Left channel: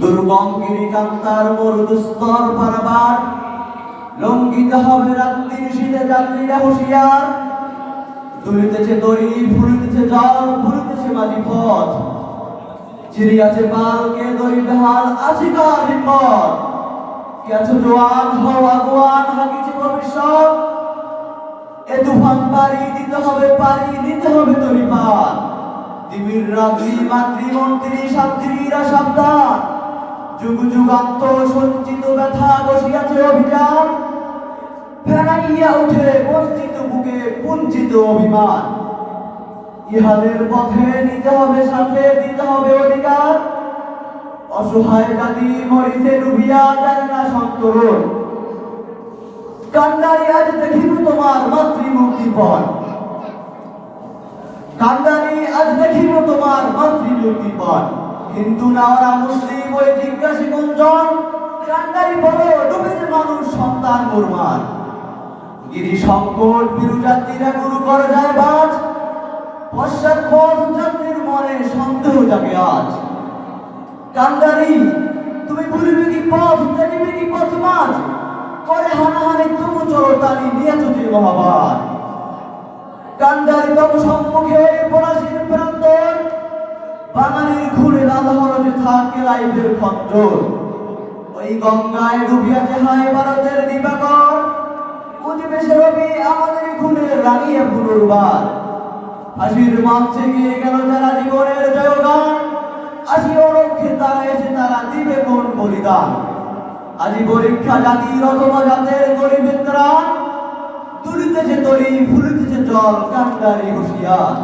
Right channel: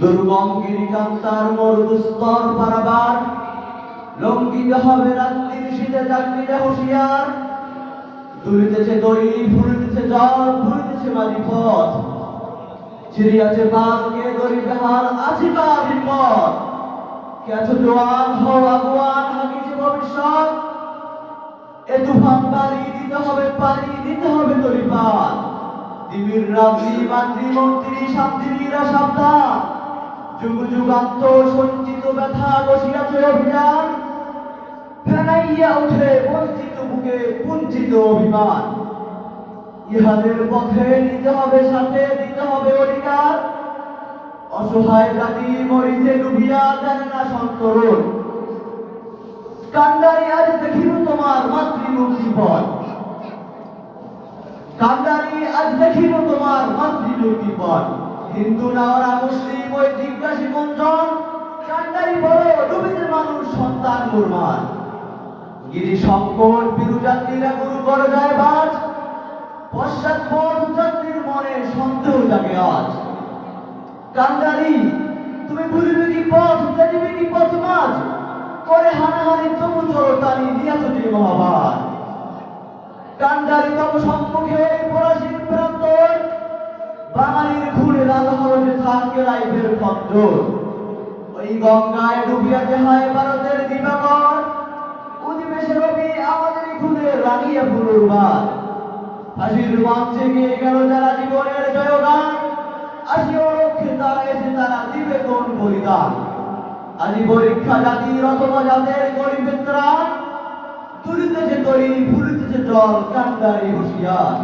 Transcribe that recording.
দুর্গম গিরিকান্তার মরুদুস্তর পারাবার লঙ্ঘিত হবে রাত্রির শীতে যাত্রীরা হুঁশিয়ার। তুলিতেছে দড়ি, ফুলিতেছে জল, ফুলিতেছে মাঝি পথ, চিরিয়াছে পালকে দড়ি বেহাল আছে কার হিম্মত। কে আছো জোয়ান হও আগুয়ান, হাকিছে ভবিষ্যৎ। এ তুফান পারি দিতে হবে, পারি দিতে হবে তরি পার। দিবির রাত্রি মাতৃ মন্ত্রী শান্তিরা সাবধান, যুগ যুগান্তর সঞ্চিত ব্যথা বসিয়াছে অভিযান। ফেরাইয়া উঠে বঞ্চিত বুকে কুঞ্চিত অভিমান। ইহাদের পথে নিতে হবে সাথে, দিতে হবে অধিকার। অসহায় জাতি মরিতে ডুবিয়া জানে না সন্তরণ। কান্ডারি আজ দেখিব তোমার মাতৃমুক্তি পথ, কান্ডারি আজ দেখিব তোমার মাতৃমুক্তি পথ। হিন্দু না ওরা মুসলিম ওই জিজ্ঞাসী কোনজন, কান্ডারি বলো ডুবেছে মানুষ সন্তান মুরমার। গিরি সংকট বিরুজাতিরা গুরু করে যায় বাজ, পশ্চাৎপদ যাত্রীর মনে সন্দেহ জাগে আজ। কান্ডারি তুমি ভুলিবে কি পথ, জানিবে কি পথ মাঝ, করে হানাহানি তবু চলো তারি নিয়েছ যে মহাভার। কান্ডারি তবু সম্মুখে ওই ফরাসির প্রান্তর, বাঙালির খুনে রাধাহরণে থাকে রাইভের খঞ্জর। ওই গঙ্গায় ডুবিয়াছে হায় ভারতের দিবাকর, অধিবেশে রবি আমাদের খুনে রাঙিয়া পুনর্বার। হাসির মঞ্চে গিয়ে গেল যারা জীবনের জয়গান, আসিও রক্ষে তারা এসে তারা দিবে কোন বলিদান। আজি পরীক্ষা জাতির অথবা জাতের গরিবের ত্রাণ, তুলিতেছে তরি ফুলিতেছে জল কান্ডারি হুঁশিয়ার।